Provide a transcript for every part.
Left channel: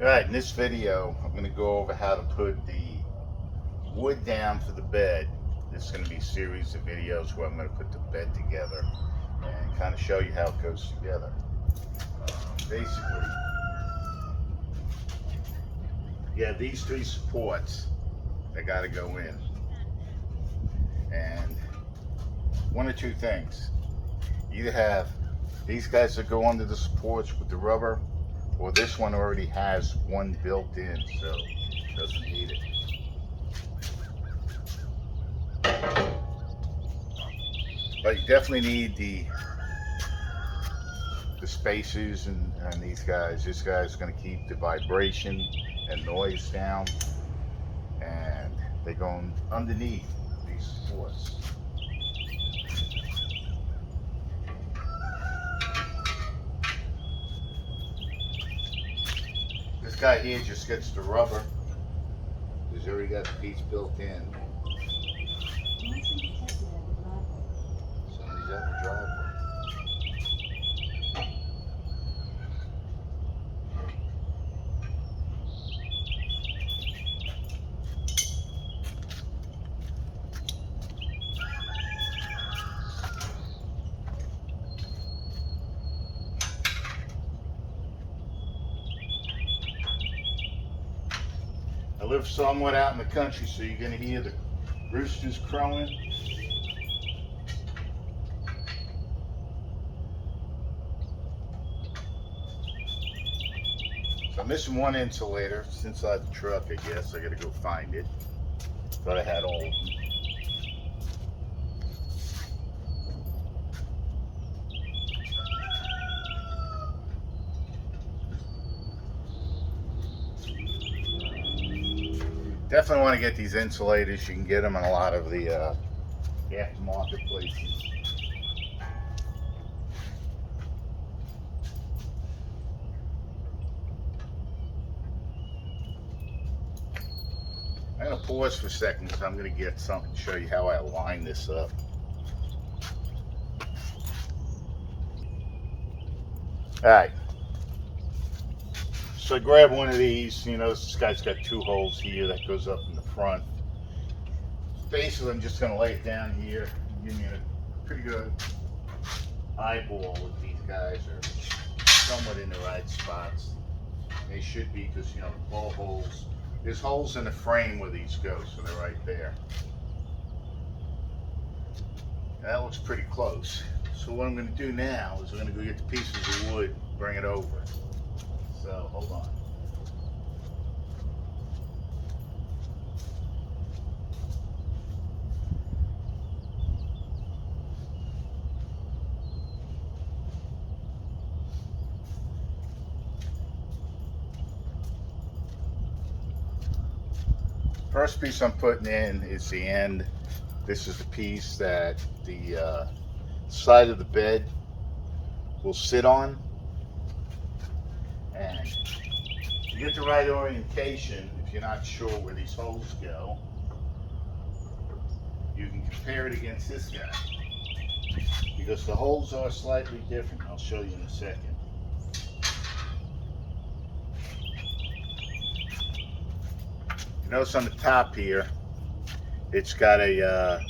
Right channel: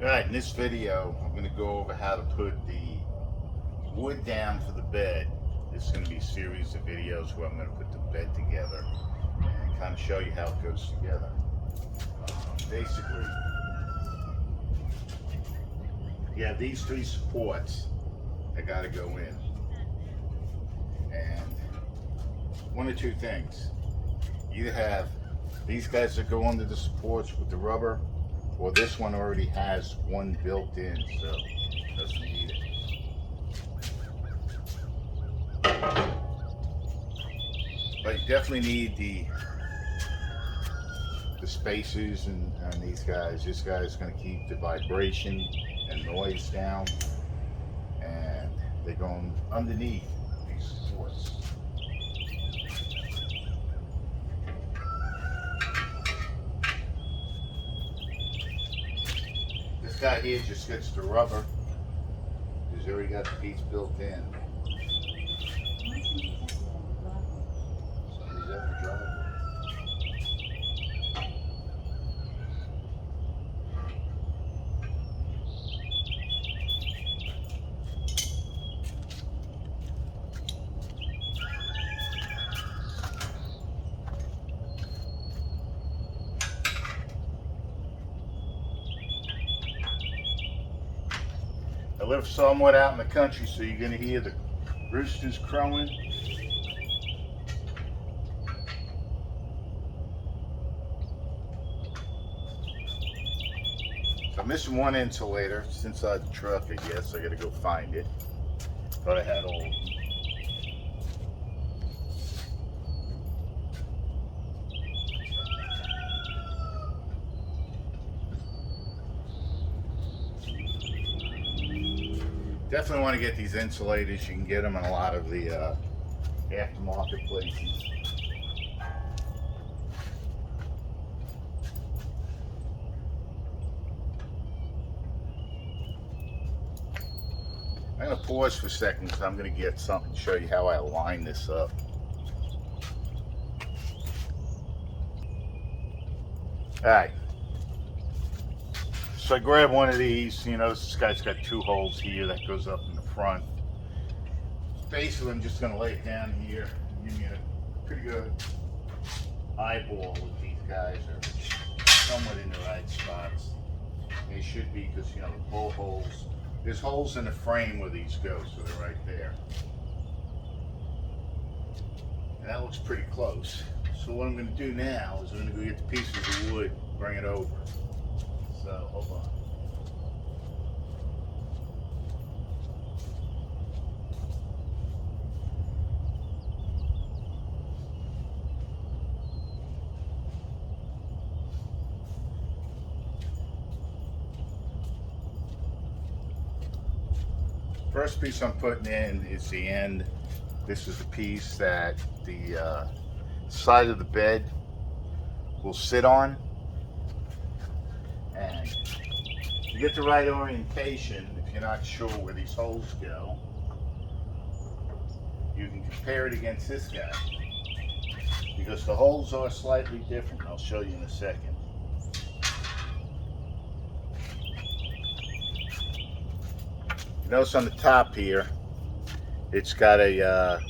Alright, in this video, I'm going to go over how to put the wood down for the bed. This is going to be a series of videos where I'm going to put the bed together and kind of show you how it goes together. Basically, you have these three supports that got to go in. And one or two things. You either have these guys that go under the supports with the rubber, or this one already has one built in, so it doesn't need it. But you definitely need the spacers and these guys. This guy's going to keep the vibration and noise down, and they're going underneath these supports. This guy here just gets the rubber. He's already got the piece built in. Somebody's at the driveway. I live somewhat out in the country, so you're going to hear the roosters crowing. So I'm missing one insulator. It's inside the truck, I guess. I got to go find it. Thought I had all of them. Definitely want to get these insulators. You can get them in a lot of the aftermarket places. I'm going to pause for a second because I'm going to get something to show you how I line this up. Alright. So I grab one of these. You know, this guy's got two holes here that goes up in the front. Basically, I'm just going to lay it down here and give me a pretty good eyeball if these guys are somewhat in the right spots. They should be, because, you know, the ball holes, there's holes in the frame where these go, so they're right there. And that looks pretty close. So what I'm going to do now is I'm going to go get the pieces of wood, bring it over. So hold on. First piece I'm putting in is the end. This is the piece that the side of the bed will sit on. And to get the right orientation, if you're not sure where these holes go, you can compare it against this guy, because the holes are slightly different. I'll show you in a second. Notice on the top here, it's got a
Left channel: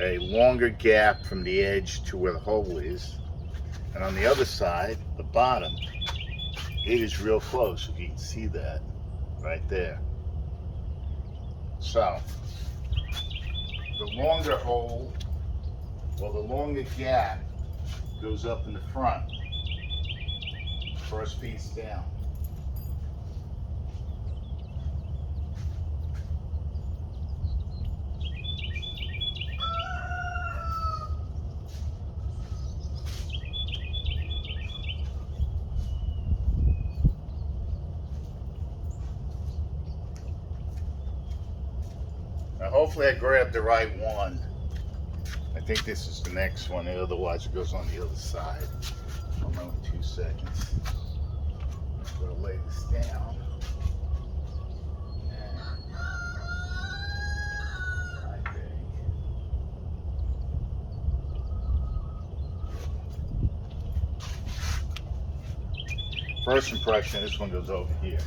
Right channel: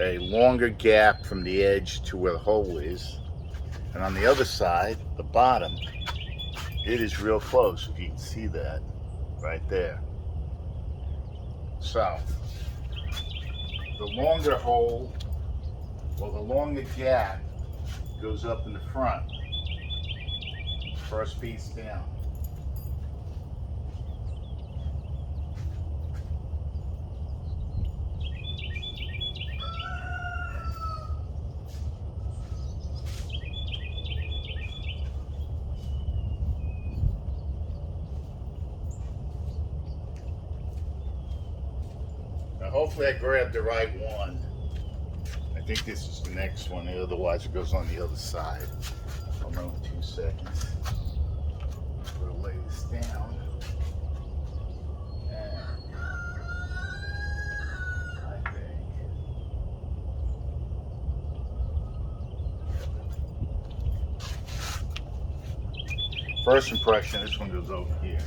longer gap from the edge to where the hole is, and on the other side, the bottom, it is real close, if you can see that right there. So the longer hole, or the longer gap, goes up in the front, first piece down. Now hopefully I grabbed the right one. I think this is the next one, otherwise it goes on the other side. I'll know in 2 seconds. I'm going to lay this down. And I think First impression, this one goes over here.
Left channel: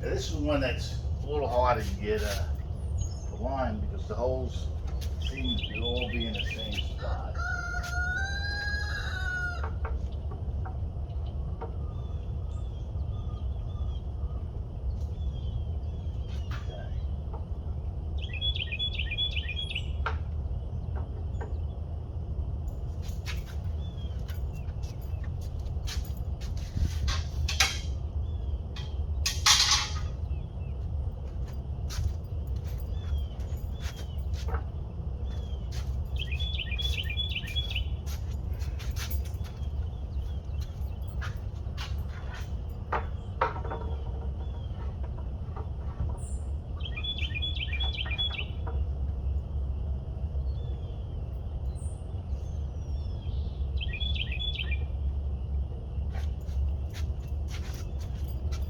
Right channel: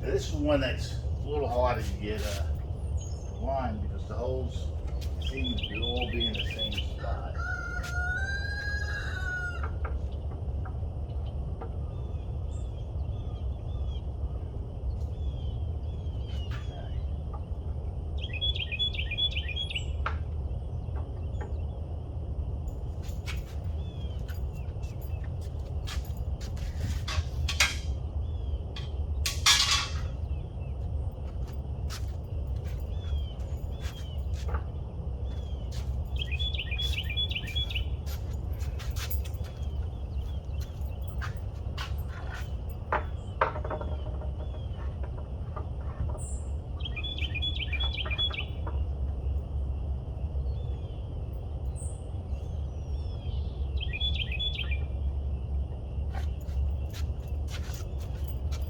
Now, this is one that's a little harder to get a line because the holes seem to all be in the same spot.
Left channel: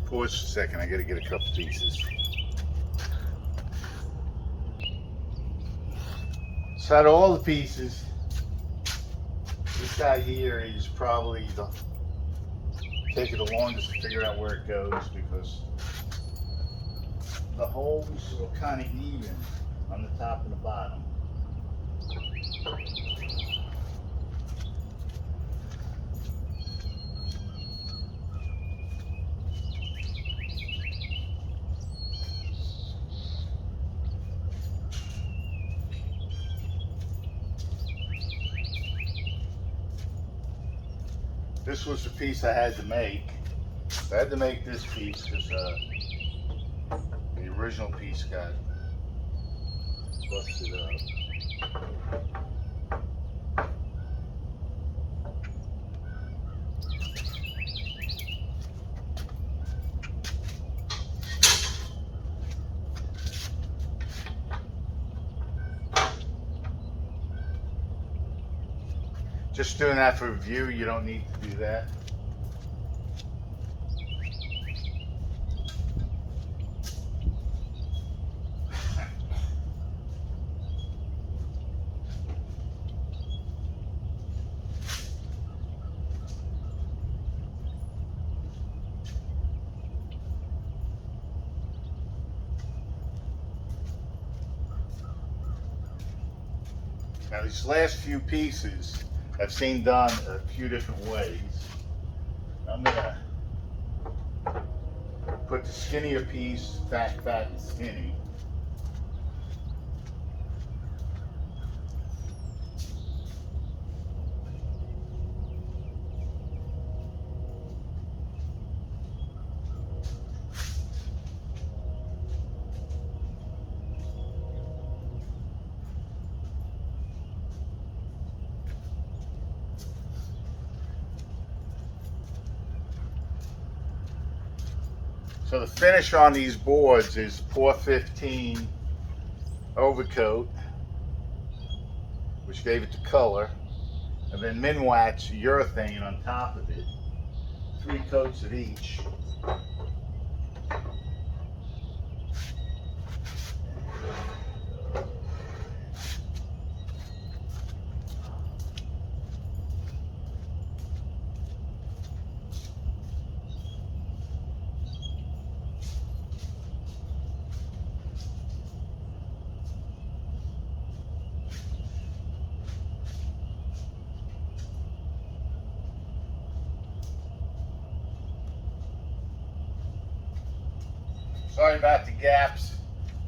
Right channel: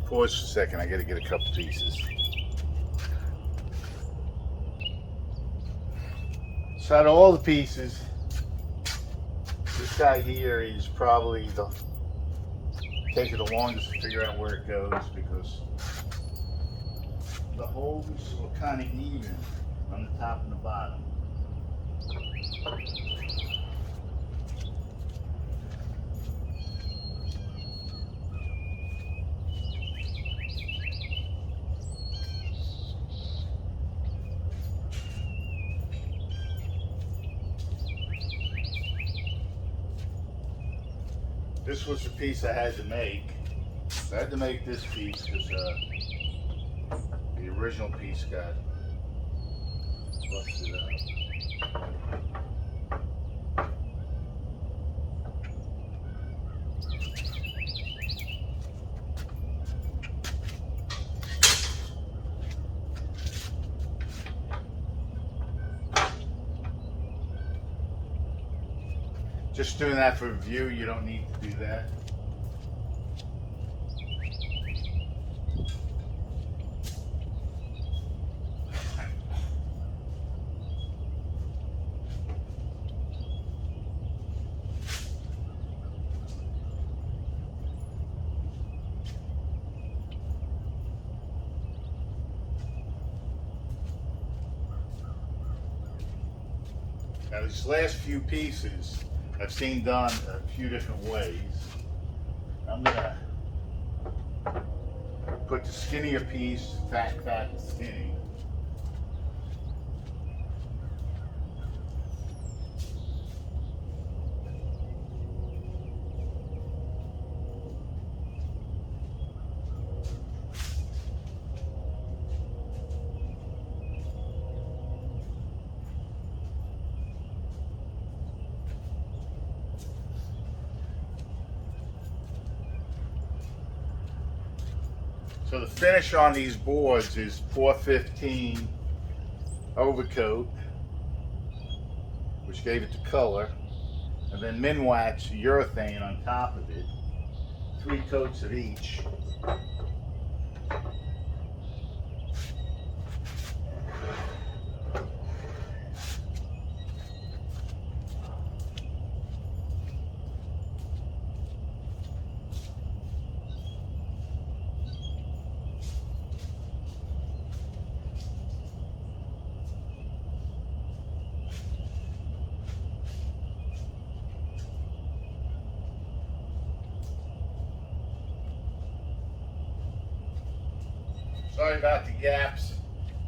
Pause for a second, I gotta get a couple pieces. So out of all the pieces, this guy here is probably taking the longest to figure out where it goes because the holes are kind of even on the top and the bottom. This was the piece I had to make. I had to make this piece because the original piece got busted up. Just doing that for view, you don't need to do that. Now these last few pieces I've seen done a few different ways. I'm gonna put the skinnier piece, fat, and skinny. So the finish on these boards is 415 overcoat, which gave it the color, and then Minwax urethane on top of it, 3 coats of each. Sorry about the gaps.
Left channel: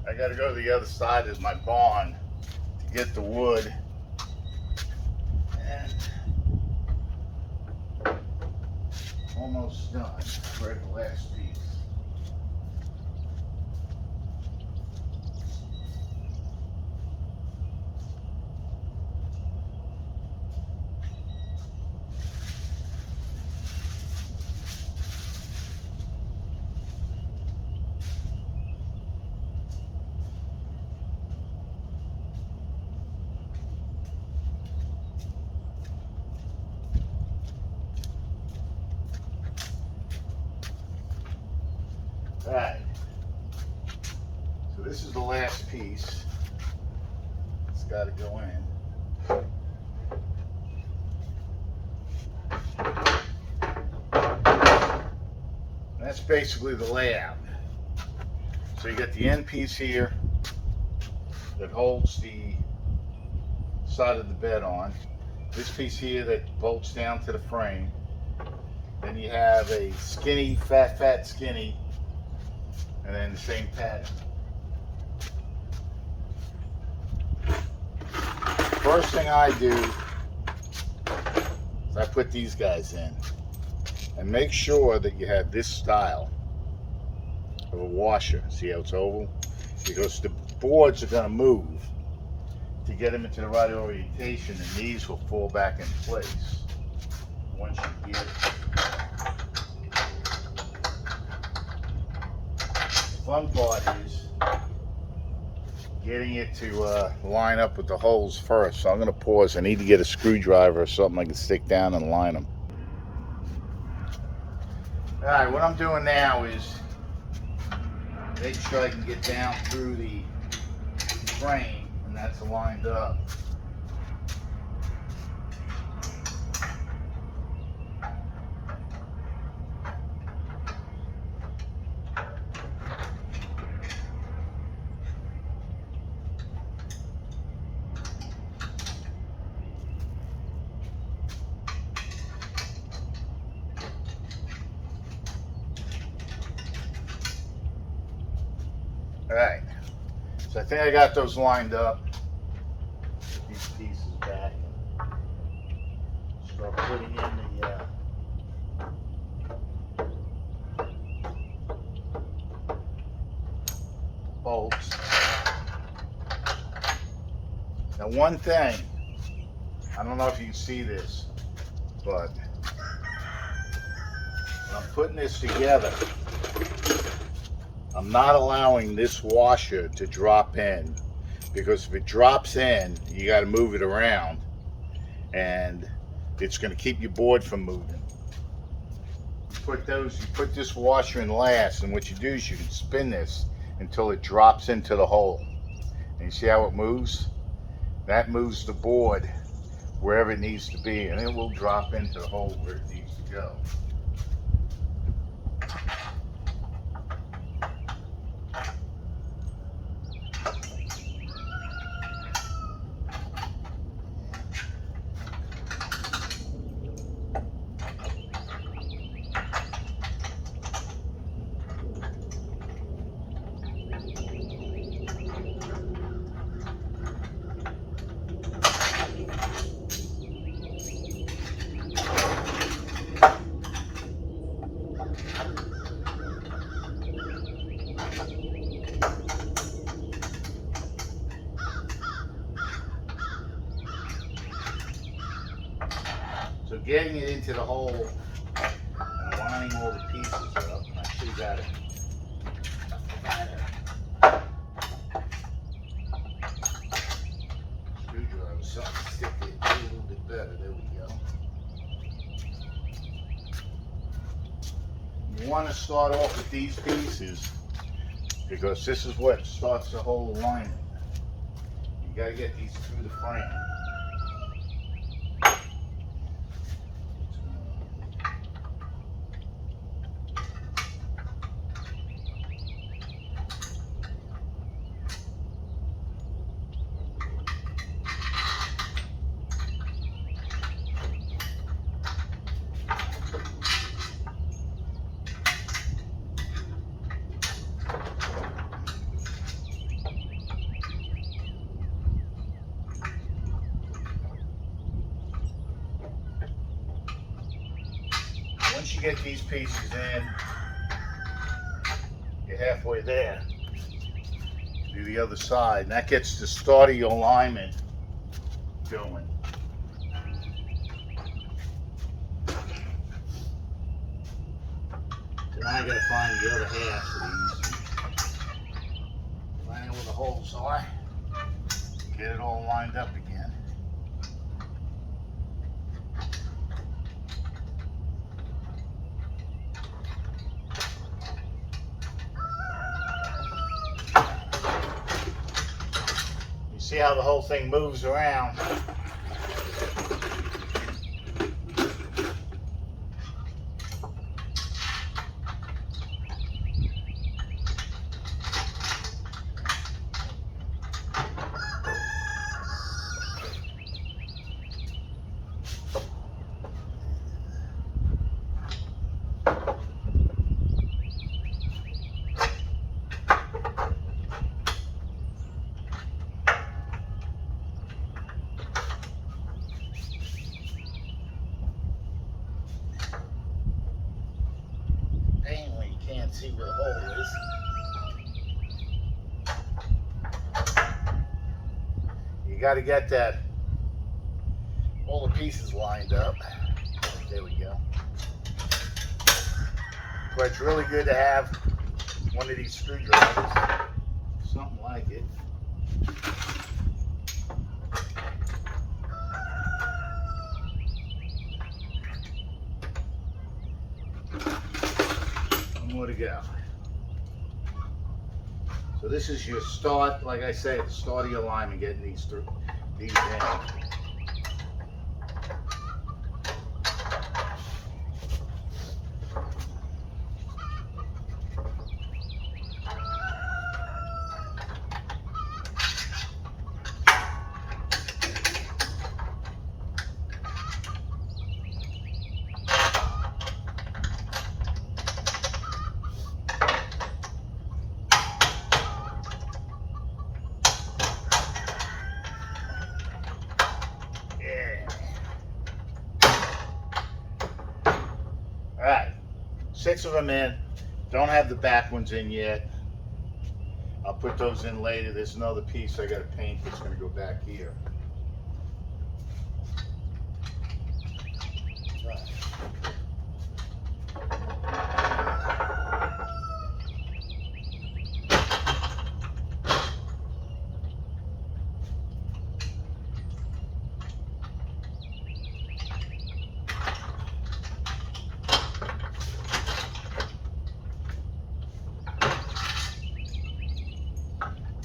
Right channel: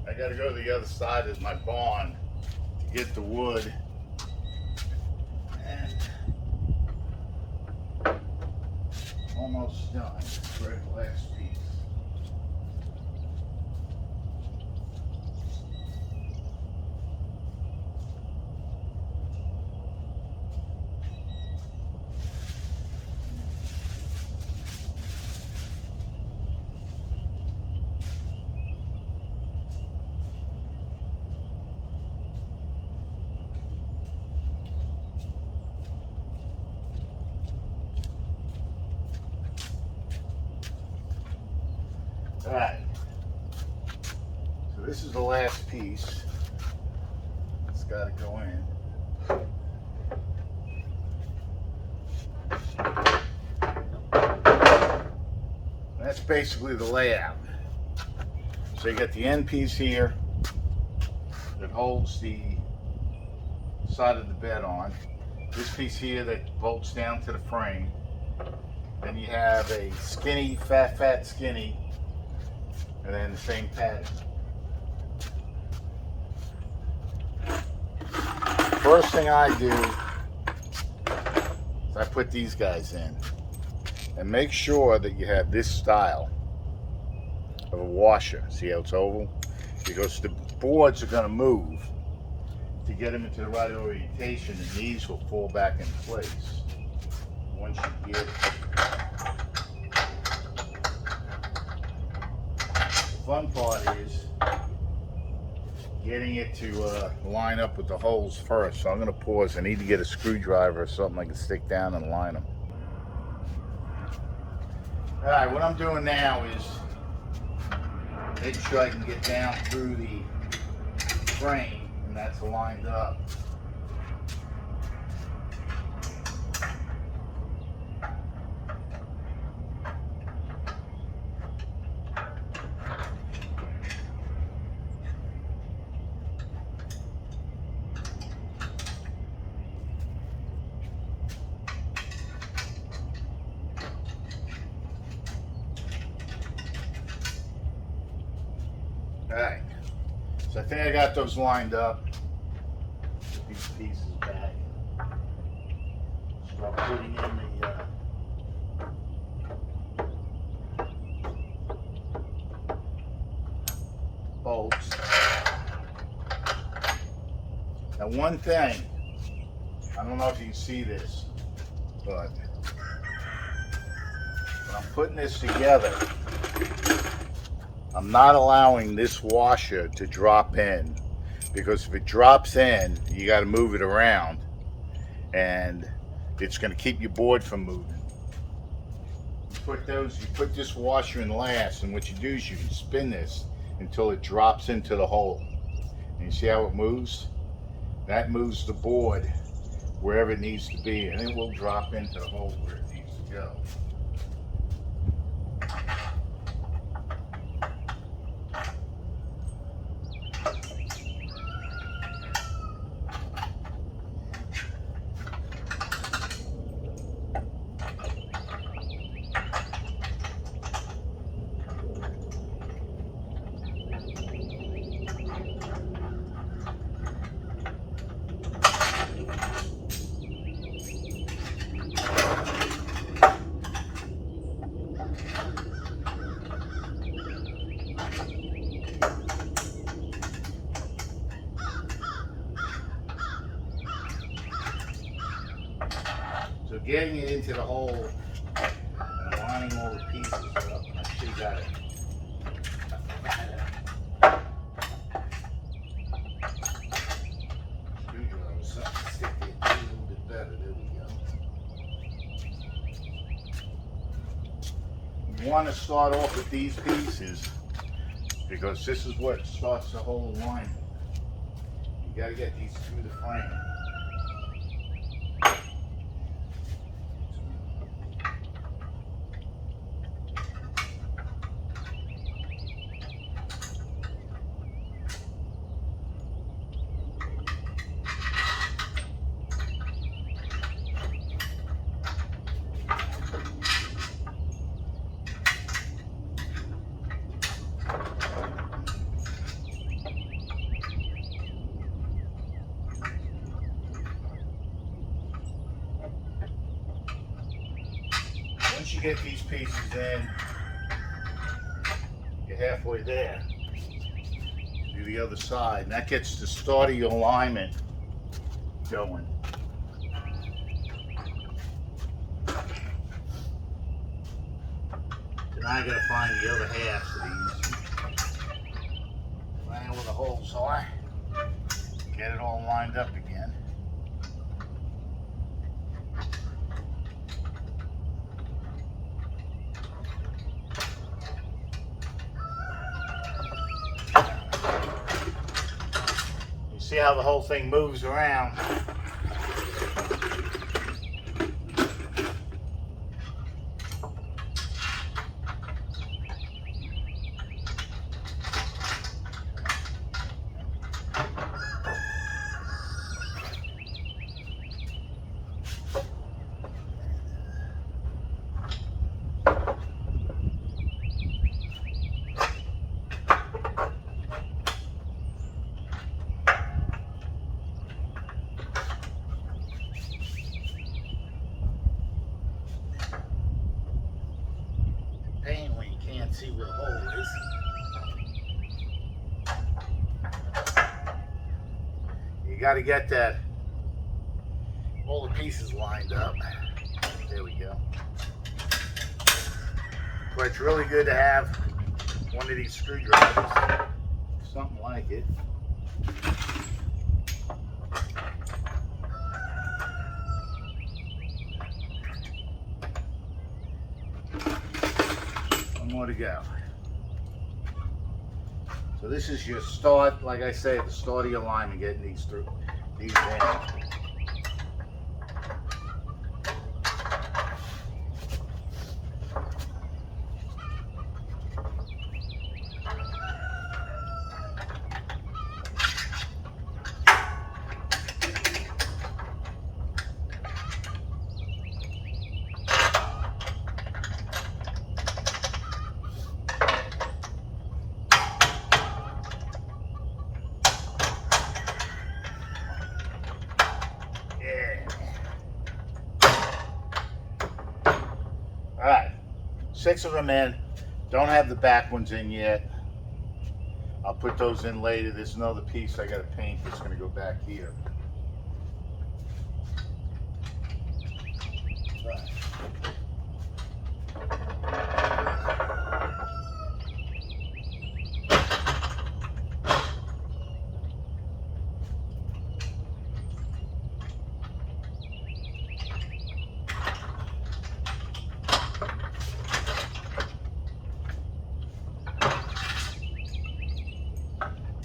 I got to go to the other side of my barn to get the wood. And almost done. We're at the last piece. Alright. So this is the last piece. It's got to go in. That's basically the layout. So you get the end piece here that holds the side of the bed on. This piece here that bolts down to the frame. Then you have a skinny, fat, skinny, and then the same pattern. First thing I do is I put these guys in. And make sure that you have this style of a washer. See how it's oval? Because the boards are going to move to get them into the right orientation, and these will fall back in place once you get it. The fun part is getting it to line up with the holes first. So I'm going to pause. I need to get a screwdriver or something I can stick down and line them. Alright, what I'm doing now is making sure I can get down through the frame, and that's lined up. Alright, so I think I got those lined up. Put these pieces back and start putting in the bolts. Now one thing, I don't know if you can see this, but when I'm putting this together, I'm not allowing this washer to drop in, because if it drops in, you got to move it around, and it's going to keep your board from moving. You put this washer in last, and what you do is you can spin this until it drops into the hole. And you see how it moves? That moves the board wherever it needs to be, and it will drop into the hole where it needs to go. So getting it into the hole and lining all the pieces up, I actually got it. Screwdriver, something to stick it a little bit better. There we go. You want to start off with these pieces because this is what starts the whole alignment. You got to get these through the frame. Once you get these pieces in, you're halfway there. Do the other side, and that gets the start of your alignment going. So now I gotta find the other half of these. Find out where the holes are. Get it all lined up again. See how the whole thing moves around. Pain when you can't see where the hole is. You got to get that, all the pieces lined up. There we go. But it's really good to have one of these screwdrivers, something like it. One more to go. So this is your start, like I say, the start of your alignment, getting these through, these in. Alright, 6 of them in. Don't have the back ones in yet. I'll put those in later. There's another piece I got to paint that's going to go back here. Right.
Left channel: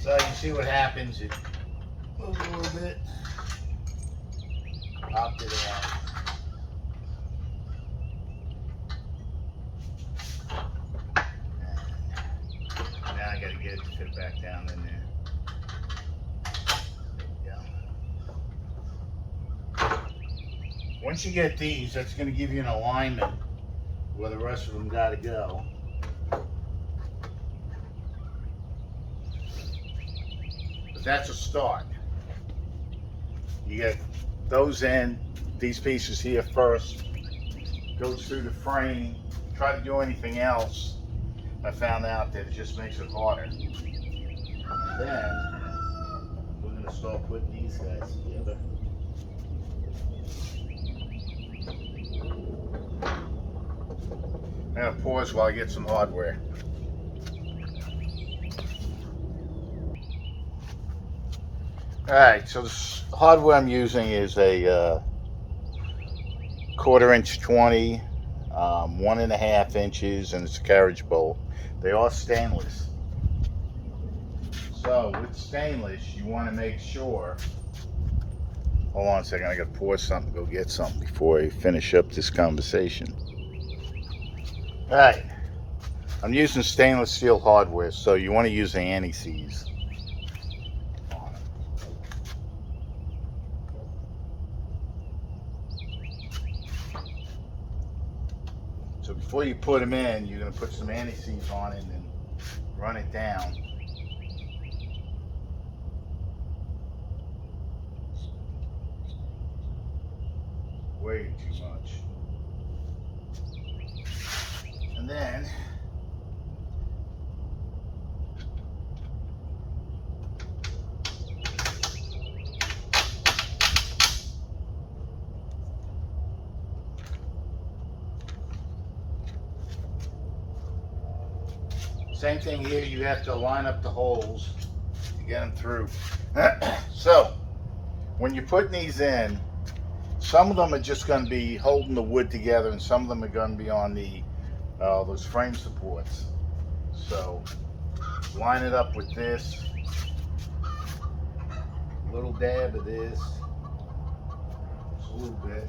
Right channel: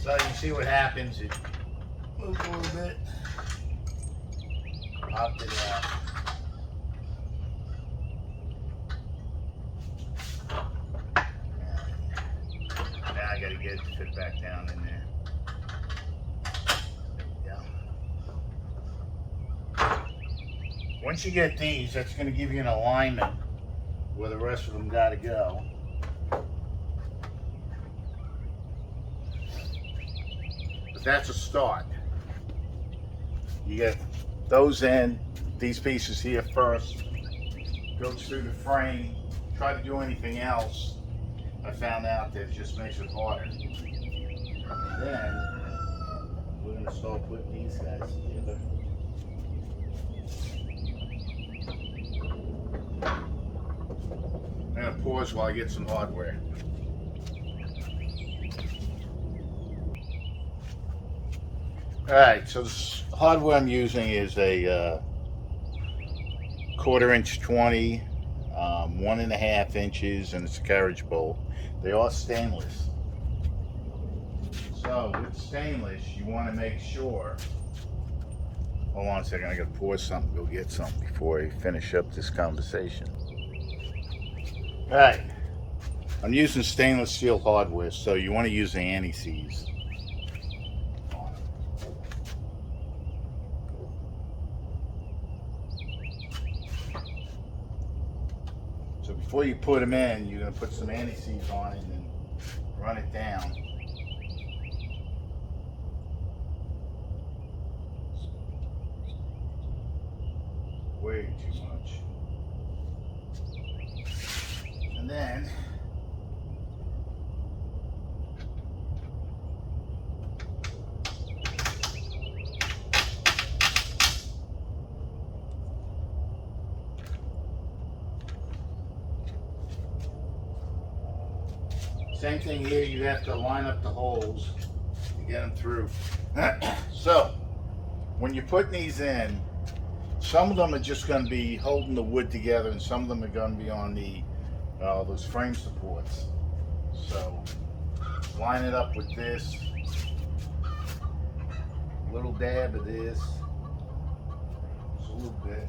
So you see what happens, it moves a little bit, popped it out. And now I got to get it to fit back down in there. There we go. Once you get these, that's going to give you an alignment where the rest of them got to go. That's a start. You get those in, these pieces here first, goes through the frame. Try to do anything else, I found out that it just makes it harder. And then we're going to start putting these guys together. I'm going to pause while I get some hardware. Alright, so the hardware I'm using is a 1/4 inch 20, 1.5 inches, and it's a carriage bolt. They are stainless. So with stainless, you want to make sure. Hold on a second, I got to pause something, go get something before I finish up this conversation. Alright, I'm using stainless steel hardware, so you want to use the anti-seize. So before you put them in, you're going to put some anti-seize on it and then run it down. Way too much. And then same thing here, you have to line up the holes to get them through. So, when you're putting these in, some of them are just going to be holding the wood together, and some of them are going to be on the those frame supports. So, line it up with this. little dab of this, just a little bit.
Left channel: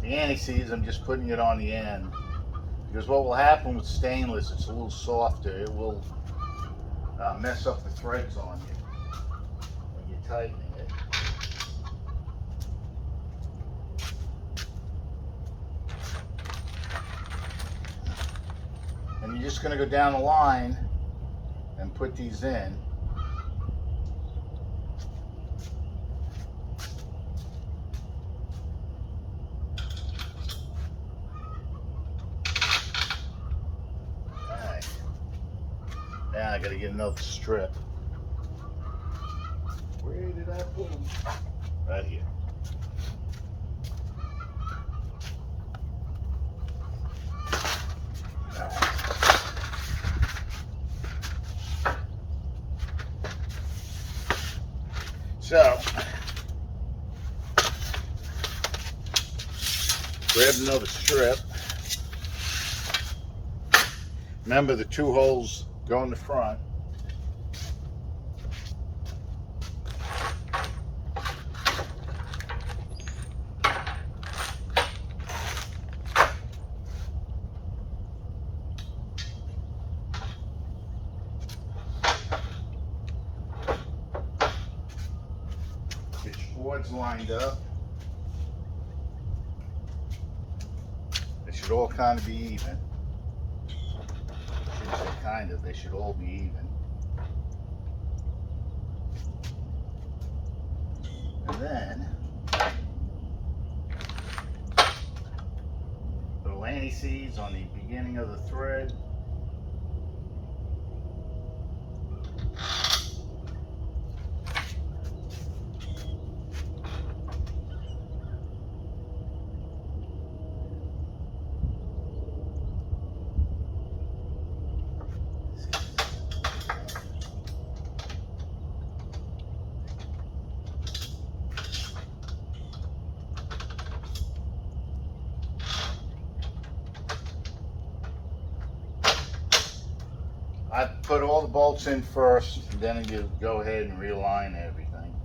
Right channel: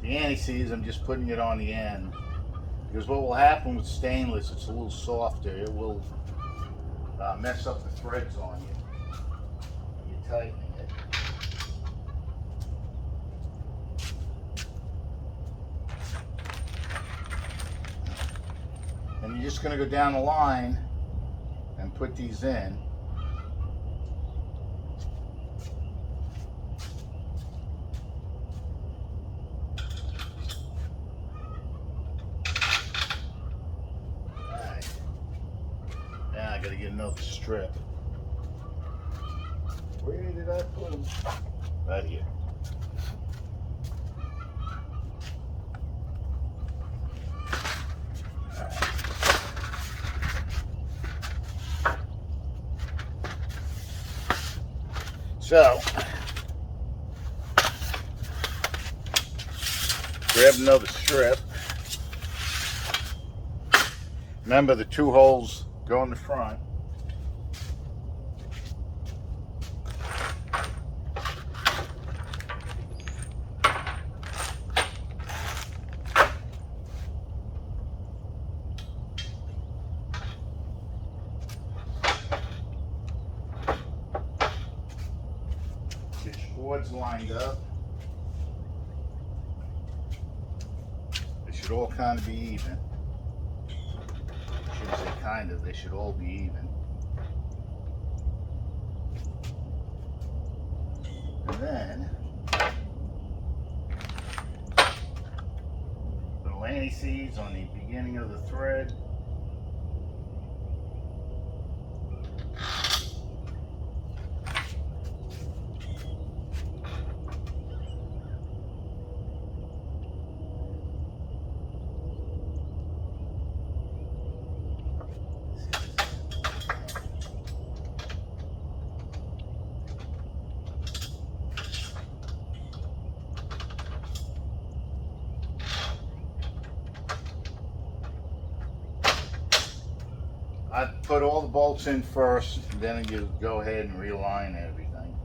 The anti-seize, I'm just putting it on the end because what will happen with stainless, it's a little softer. It will mess up the threads on you when you're tightening it. And you're just going to go down the line and put these in. Alright. Now I got to get another strip. Where did I put them? Right here. So, grab another strip. Remember, the 2 holes go in the front. Get your boards lined up. They should all kind of be even. I shouldn't say kind of, they should all be even. And then, little anti-seize on the beginning of the thread. I put all the bolts in first, and then you go ahead and realign everything.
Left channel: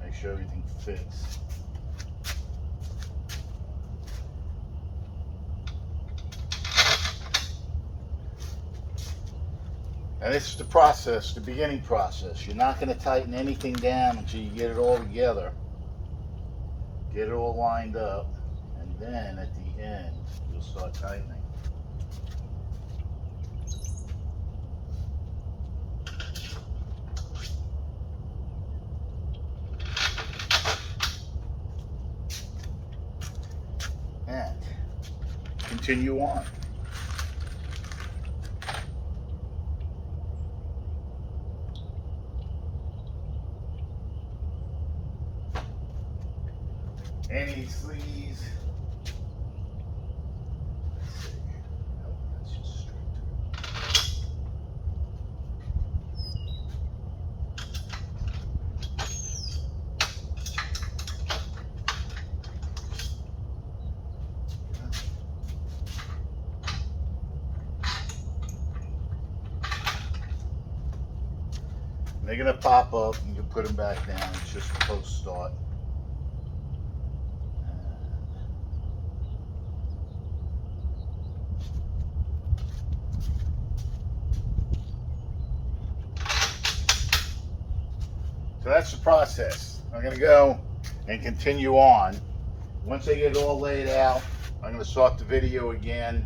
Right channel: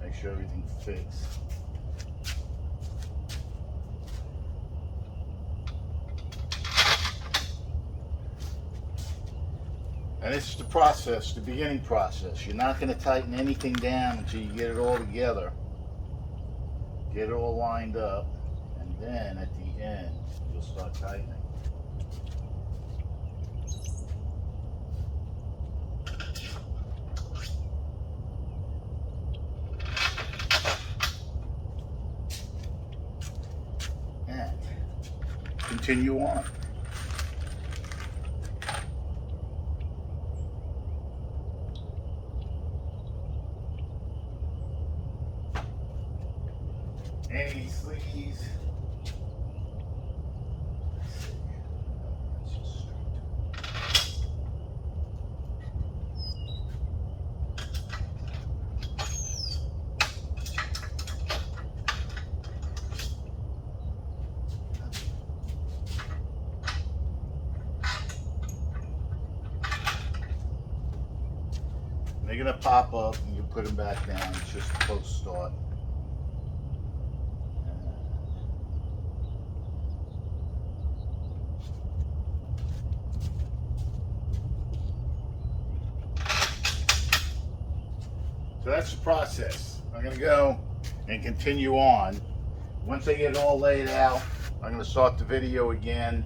Make sure everything fits. And this is the process, the beginning process. You're not going to tighten anything down until you get it all together. Get it all lined up, and then at the end, you'll start tightening. And continue on. Any sleeves. Let's see. Nope, that's just straight through. They're gonna pop up and you put them back down. It's just a post start. So that's the process. I'm going to go and continue on. Once I get it all laid out, I'm going to start the video again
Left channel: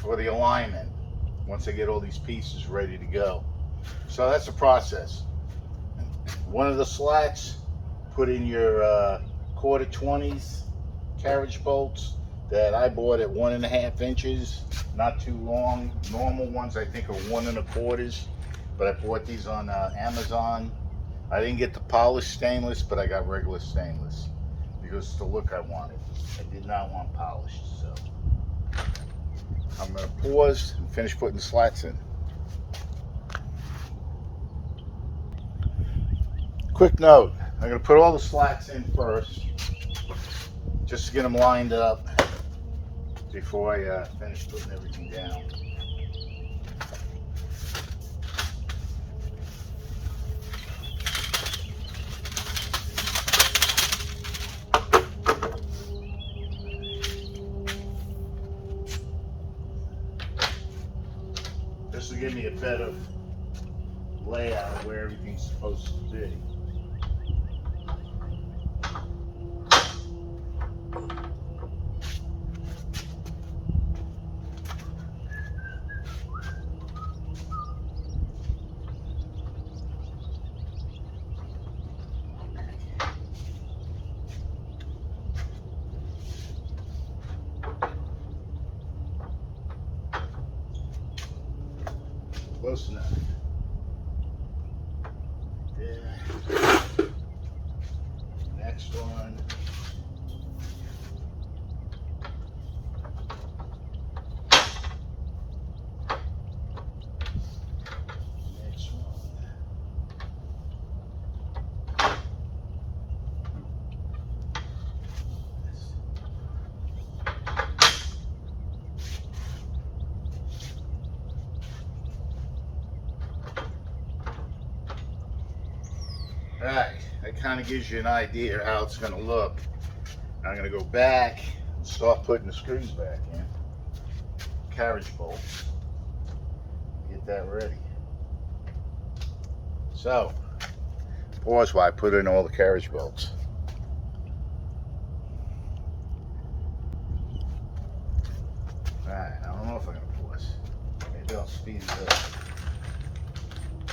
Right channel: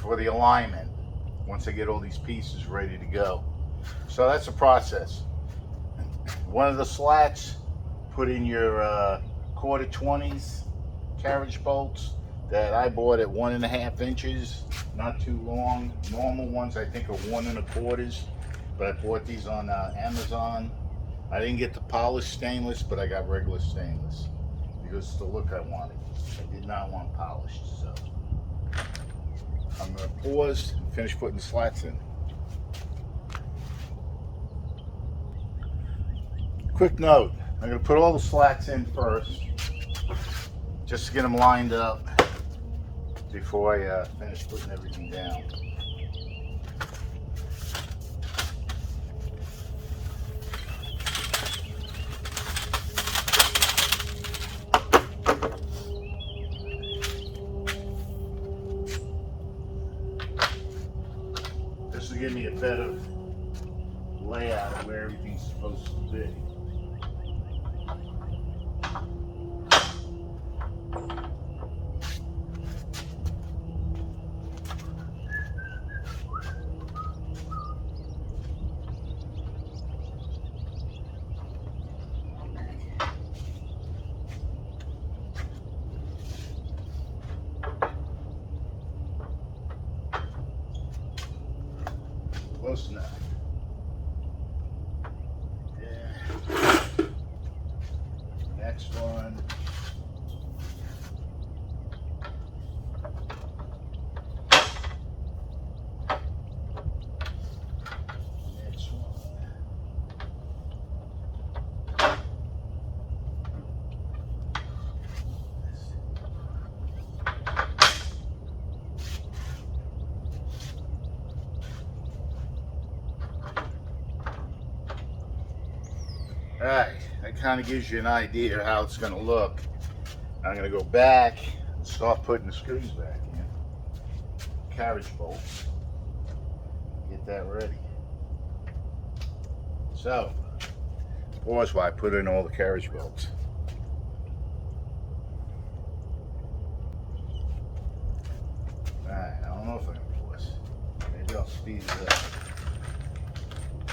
for the alignment. Once I get all these pieces ready to go. So that's the process. One of the slats, put in your quarter 20s carriage bolts that I bought at 1.5 inches, not too long. Normal ones I think are 1 1/4, but I bought these on Amazon. I didn't get the polished stainless, but I got regular stainless because it's the look I wanted. I did not want polished, so I'm going to pause and finish putting the slats in. Quick note, I'm going to put all the slats in first. just to get them lined up before I finish putting everything down. This will give me a better layout of where everything's supposed to be. Close enough. Yeah. Next one. Next one. Alright, that kind of gives you an idea of how it's going to look. I'm going to go back and start putting the screws back in. Carriage bolts. Get that ready. So, pause while I put in all the carriage bolts. Alright, I don't know if I'm going to pause. Maybe I'll speed it up.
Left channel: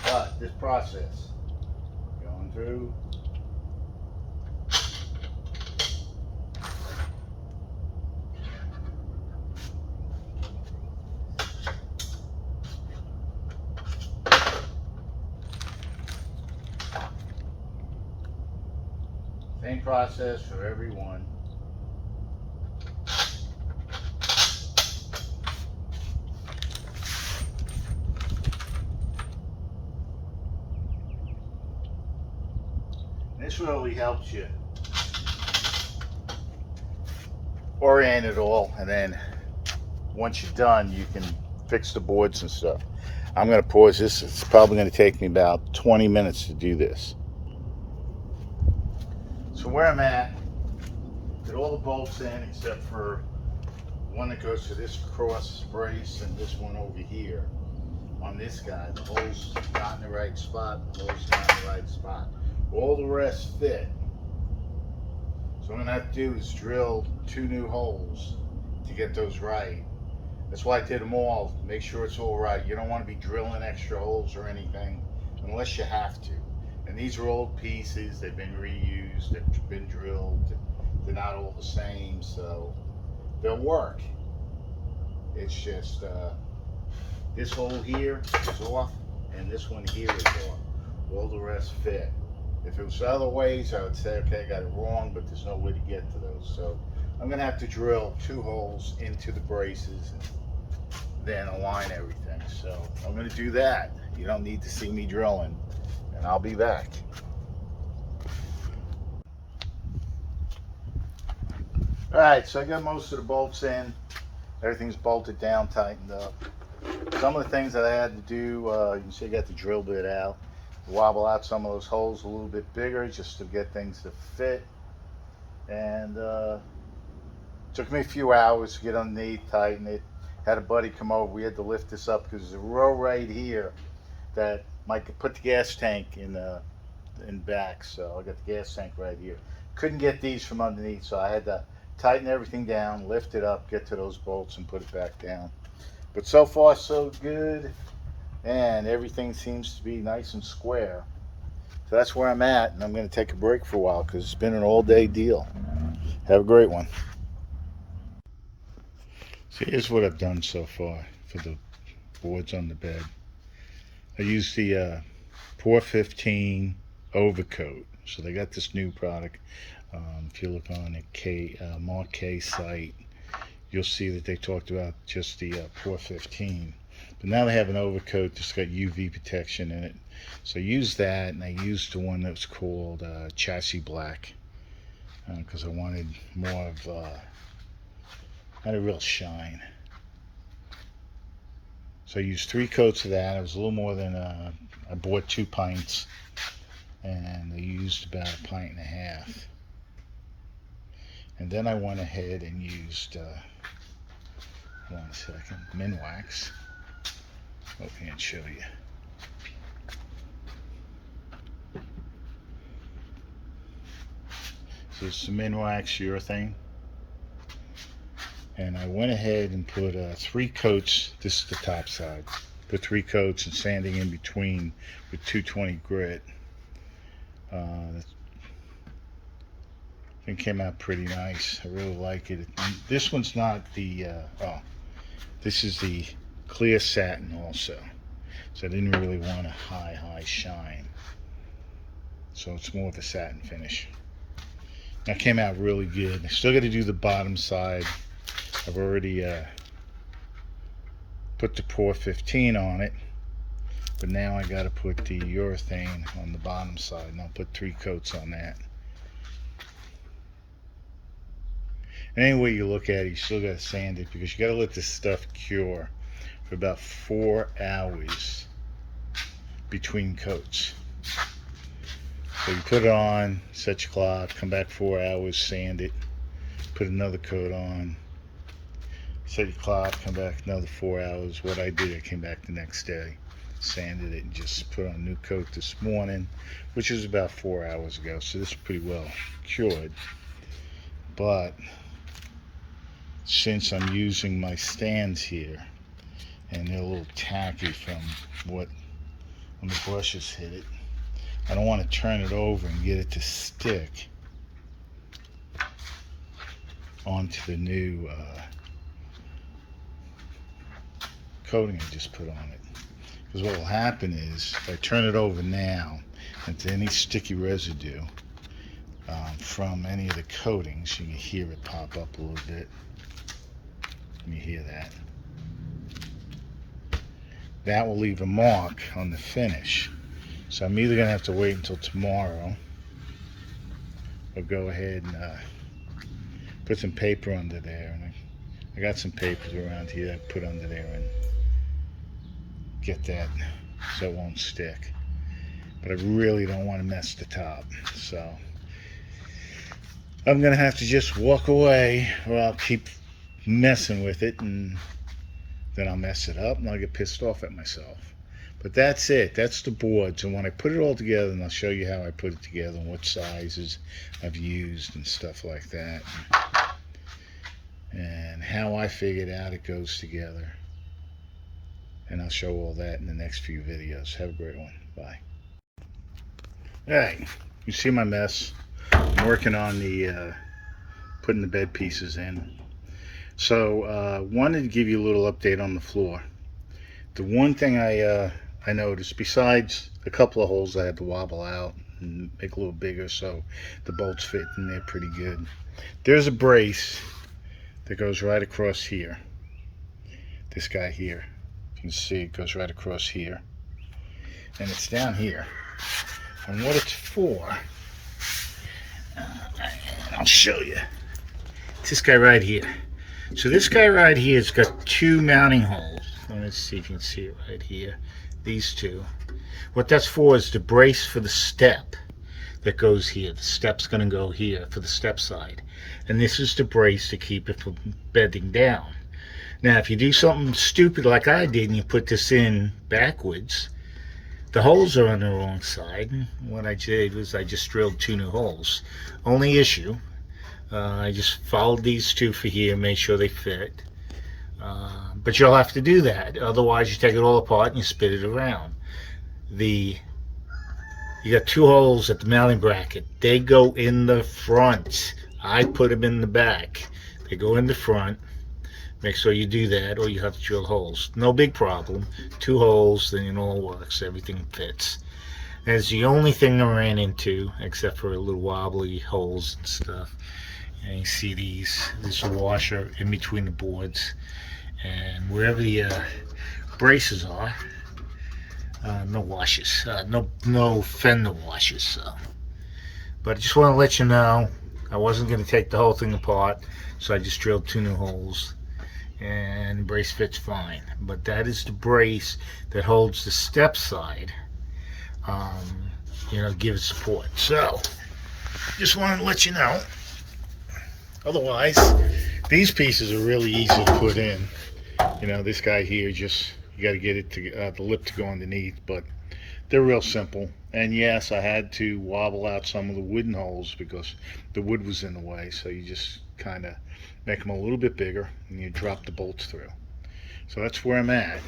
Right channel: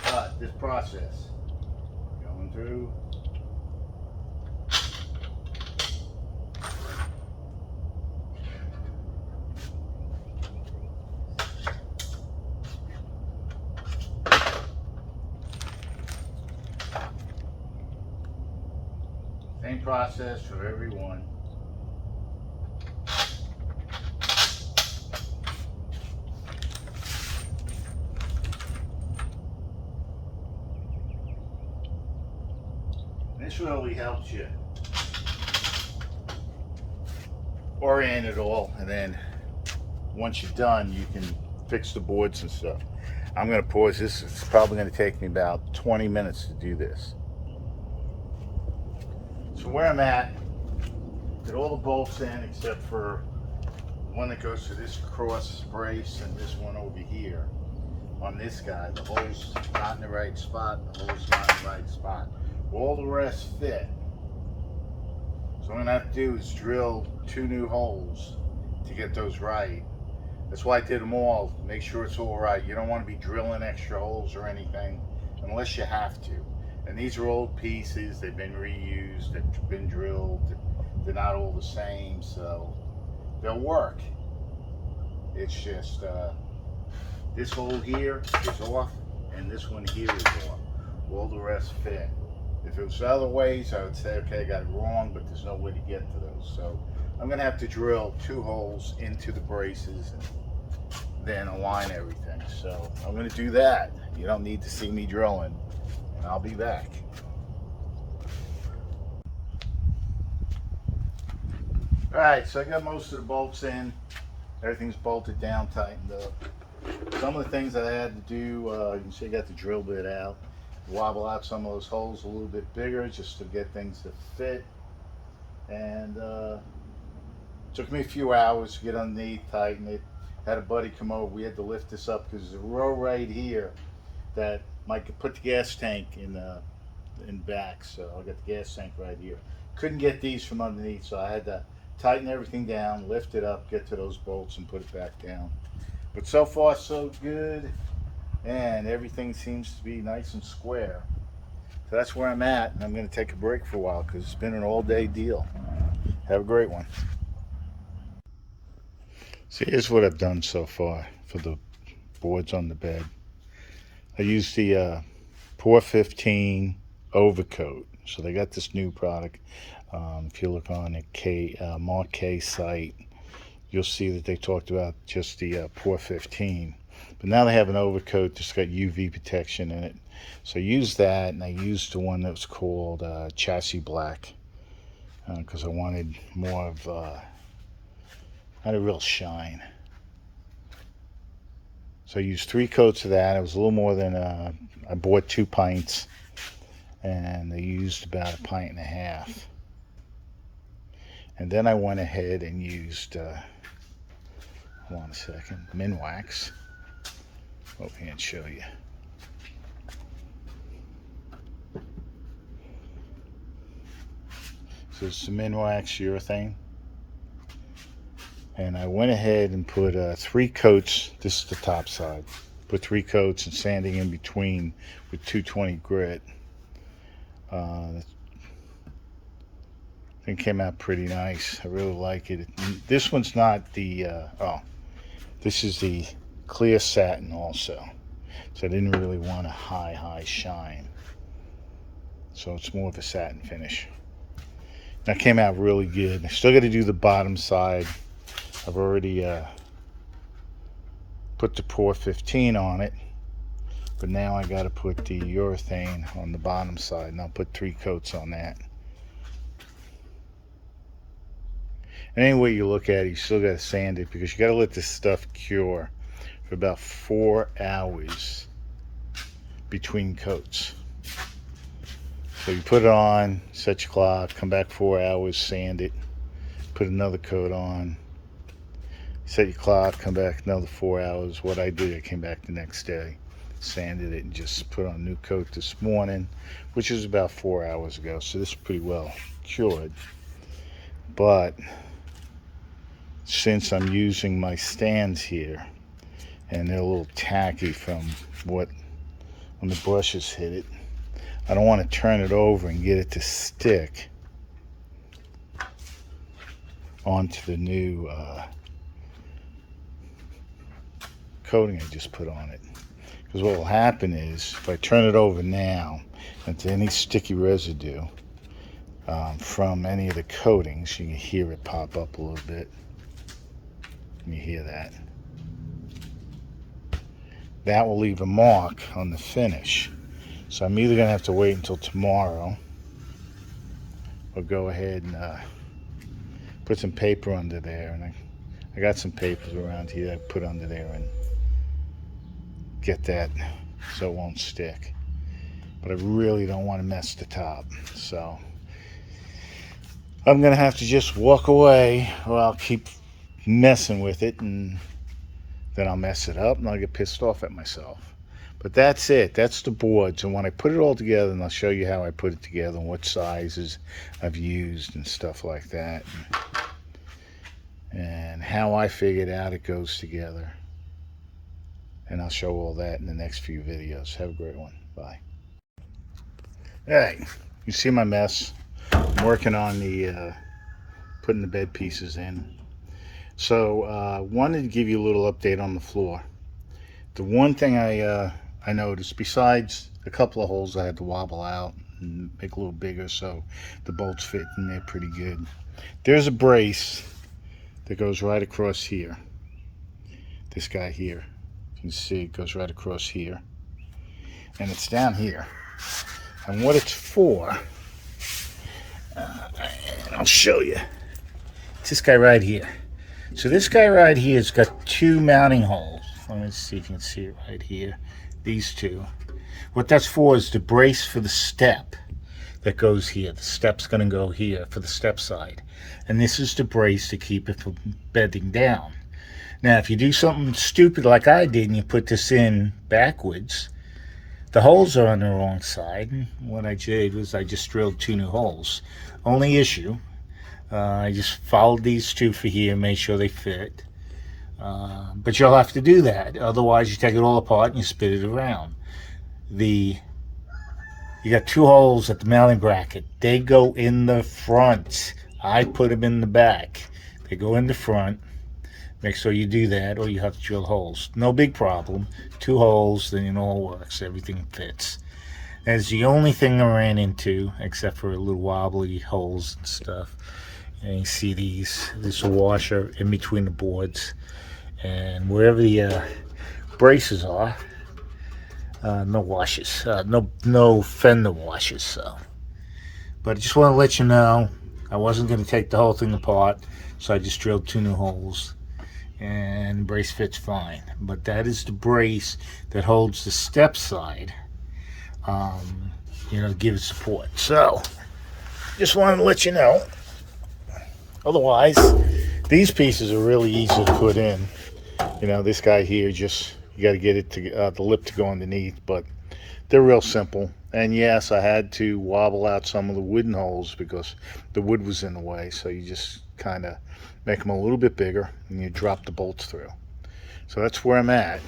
But this process, going through. Same process for every one. This really helps you orient it all, and then once you're done, you can fix the boards and stuff. I'm going to pause this. It's probably going to take me about 20 minutes to do this. So where I'm at, get all the bolts in except for one that goes to this cross brace and this one over here. On this guy, the hole's not in the right spot, the hole's not in the right spot. All the rest fit. So what I'm gonna have to do is drill 2 new holes to get those right. That's why I did them all, make sure it's all right. You don't want to be drilling extra holes or anything unless you have to. And these are old pieces, they've been reused, they've been drilled, they're not all the same, so they'll work. It's just this hole here is off and this one here is off. All the rest fit. If it was other ways, I would say, okay, I got it wrong, but there's no way to get to those. So I'm gonna have to drill 2 holes into the braces and then align everything. So I'm gonna do that. You don't need to see me drilling, and I'll be back. All right, so I got most of the bolts in. Everything's bolted down, tightened up. Some of the things that I had to do, you can see I got the drill bit out. Wobble out some of those holes a little bit bigger just to get things to fit. And took me a few hours to get underneath, tighten it. Had a buddy come over. We had to lift this up because there's a row right here that might put the gas tank in back. So I got the gas tank right here. Couldn't get these from underneath, so I had to tighten everything down, lift it up, get to those bolts and put it back down. But so far so good, and everything seems to be nice and square. So that's where I'm at, and I'm going to take a break for a while because it's been an all-day deal. Have a great one. So here's what I've done so far for the boards on the bed. I used the Pour 15 overcoat. So they got this new product. If you look on the Mark K site, you'll see that they talked about just the Pour 15. But now they have an overcoat that's got UV protection in it. So I used that, and I used the one that was called Chassis Black. because I wanted more of, had a real shine. So I used 3 coats of that. It was a little more than, I bought 2 pints, and I used about 1.5 pints. And then I went ahead and used, hold on a second, Minwax. Over here and show you. So it's some Minwax urethane. And I went ahead and put 3 coats. This is the top side. Put 3 coats and sanding in between with 220 grit. That thing came out pretty nice. I really like it. This one's not the, this is the clear satin also. So I didn't really want a high shine. So it's more of a satin finish. That came out really good. I still got to do the bottom side. I've already put the Pour 15 on it, but now I got to put the urethane on the bottom side, and I'll put 3 coats on that. And any way you look at it, you still got to sand it, because you got to let this stuff cure for about 4 hours between coats. So you put it on, set your clock, come back 4 hours, sand it, put another coat on, set your clock, come back another 4 hours. What I did, I came back the next day, sanded it, and just put on a new coat this morning, which is about 4 hours ago. So this is pretty well cured. But since I'm using my stands here, and they're a little tacky from when the brushes hit it, I don't want to turn it over and get it to stick onto the new coating I just put on it. Because what will happen is, if I turn it over now, into any sticky residue from any of the coatings, you hear it pop up a little bit. You hear that. That will leave a mark on the finish. So I'm either going to have to wait until tomorrow, or go ahead and put some paper under there. And I got some papers around here I put under there and get that so it won't stick. But I really don't want to mess the top. So I'm going to have to just walk away, or I'll keep messing with it, and then I'll mess it up and I'll get pissed off at myself. But that's it. That's the boards. And when I put it all together, and I'll show you how I put it together and what sizes I've used and stuff like that, and how I figured out it goes together. And I'll show all that in the next few videos. Have a great one. Bye. Hey, you see my mess? I'm working on the putting the bed pieces in. So wanted to give you a little update on the floor. The one thing I noticed, besides a couple of holes I had to wobble out and make a little bigger so the bolts fit in there pretty good, there's a brace that goes right across here. This guy here, you can see it goes right across here, and it's down here. And what it's for, and I'll show you. It's this guy right here. So this guy right here has got 2 mounting holes. Let me see if you can see it right here. These 2. What that's for is the brace for the step that goes here. The step's going to go here for the step side. And this is the brace to keep it from bending down. Now, if you do something stupid like I did and you put this in backwards, the holes are on the wrong side. And what I did was I just drilled 2 new holes. Only issue, I just followed these 2 for here, made sure they fit. But you'll have to do that. Otherwise, you take it all apart and you spit it around. You got 2 holes at the mounting bracket. They go in the front. I put them in the back. They go in the front. Make sure you do that, or you have to drill holes. No big problem. 2 holes, then it all works. Everything fits. That's the only thing I ran into, except for a little wobbly holes and stuff. And you see these. There's a washer in between the boards. And wherever the braces are, no washes, no fender washes. So, but I just want to let you know, I wasn't going to take the whole thing apart, so I just drilled 2 new holes, and the brace fits fine. But that is the brace that holds the step side, give it support. So just wanted to let you know. Otherwise, these pieces are really easy to put in. This guy here, just you got to get it to the lip to go underneath, but they're real simple. And yes, I had to wobble out some of the wooden holes because the wood was in the way, so you just kind of make them a little bit bigger and you drop the bolts through. So that's where I'm at.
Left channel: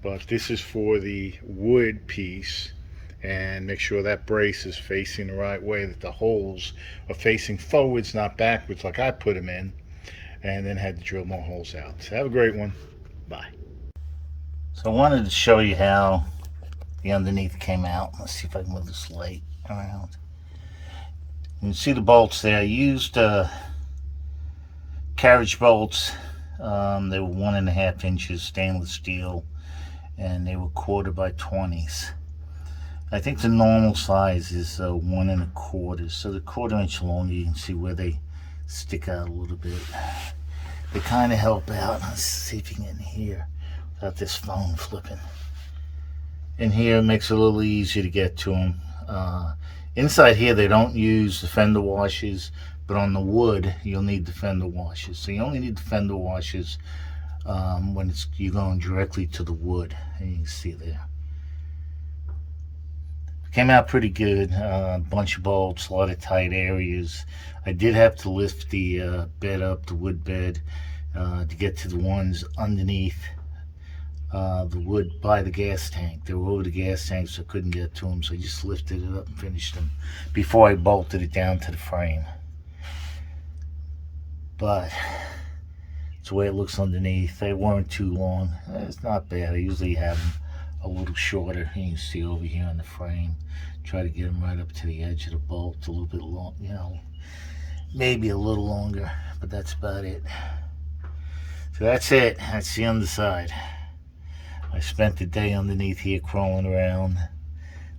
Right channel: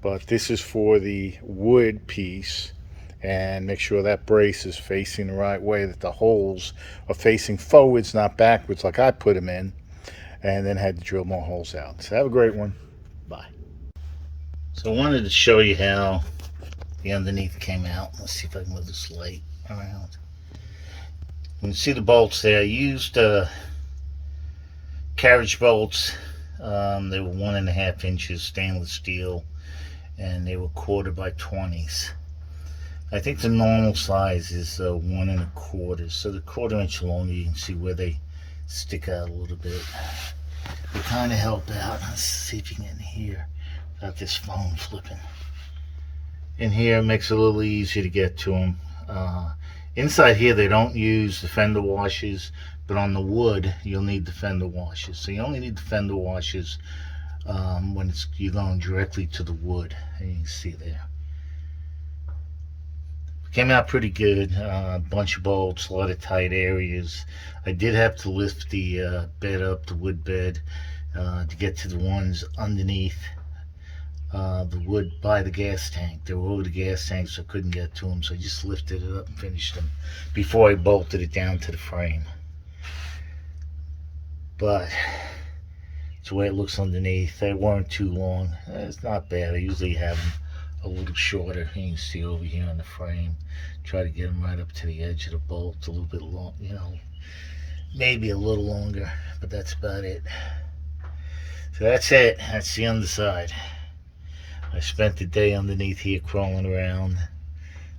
But this is for the wood piece, and make sure that brace is facing the right way, that the holes are facing forwards, not backwards like I put them in, and then had to drill more holes out. So have a great one. Bye. So I wanted to show you how the underneath came out. Let's see if I can move this light around. You can see the bolts there. I used carriage bolts. They were 1.5 inches stainless steel, and they were 1/4 by 20s. I think the normal size is 1 1/4, so the 1/4 inch longer. You can see where they stick out a little bit. They kind of help out. Let's see if you can get in here without this phone flipping. In here it makes it a little easier to get to them. Inside here they don't use the fender washers, but on the wood you'll need the fender washers. So you only need the fender washers when you're going directly to the wood. And you can see there. Came out pretty good. A bunch of bolts, a lot of tight areas. I did have to lift the bed up, the wood bed, to get to the ones underneath the wood by the gas tank. They were over the gas tank, so I couldn't get to them, so I just lifted it up and finished them before I bolted it down to the frame. But it's the way it looks underneath. They weren't too long. It's not bad. I usually have them a little shorter. You can see over here on the frame. Try to get them right up to the edge of the bolt, a little bit long, maybe a little longer, but that's about it. So that's it. That's the underside. I spent the day underneath here crawling around,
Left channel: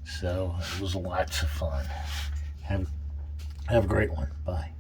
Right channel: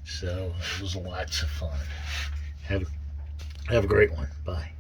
so it was lots of fun. Have a great one. Bye.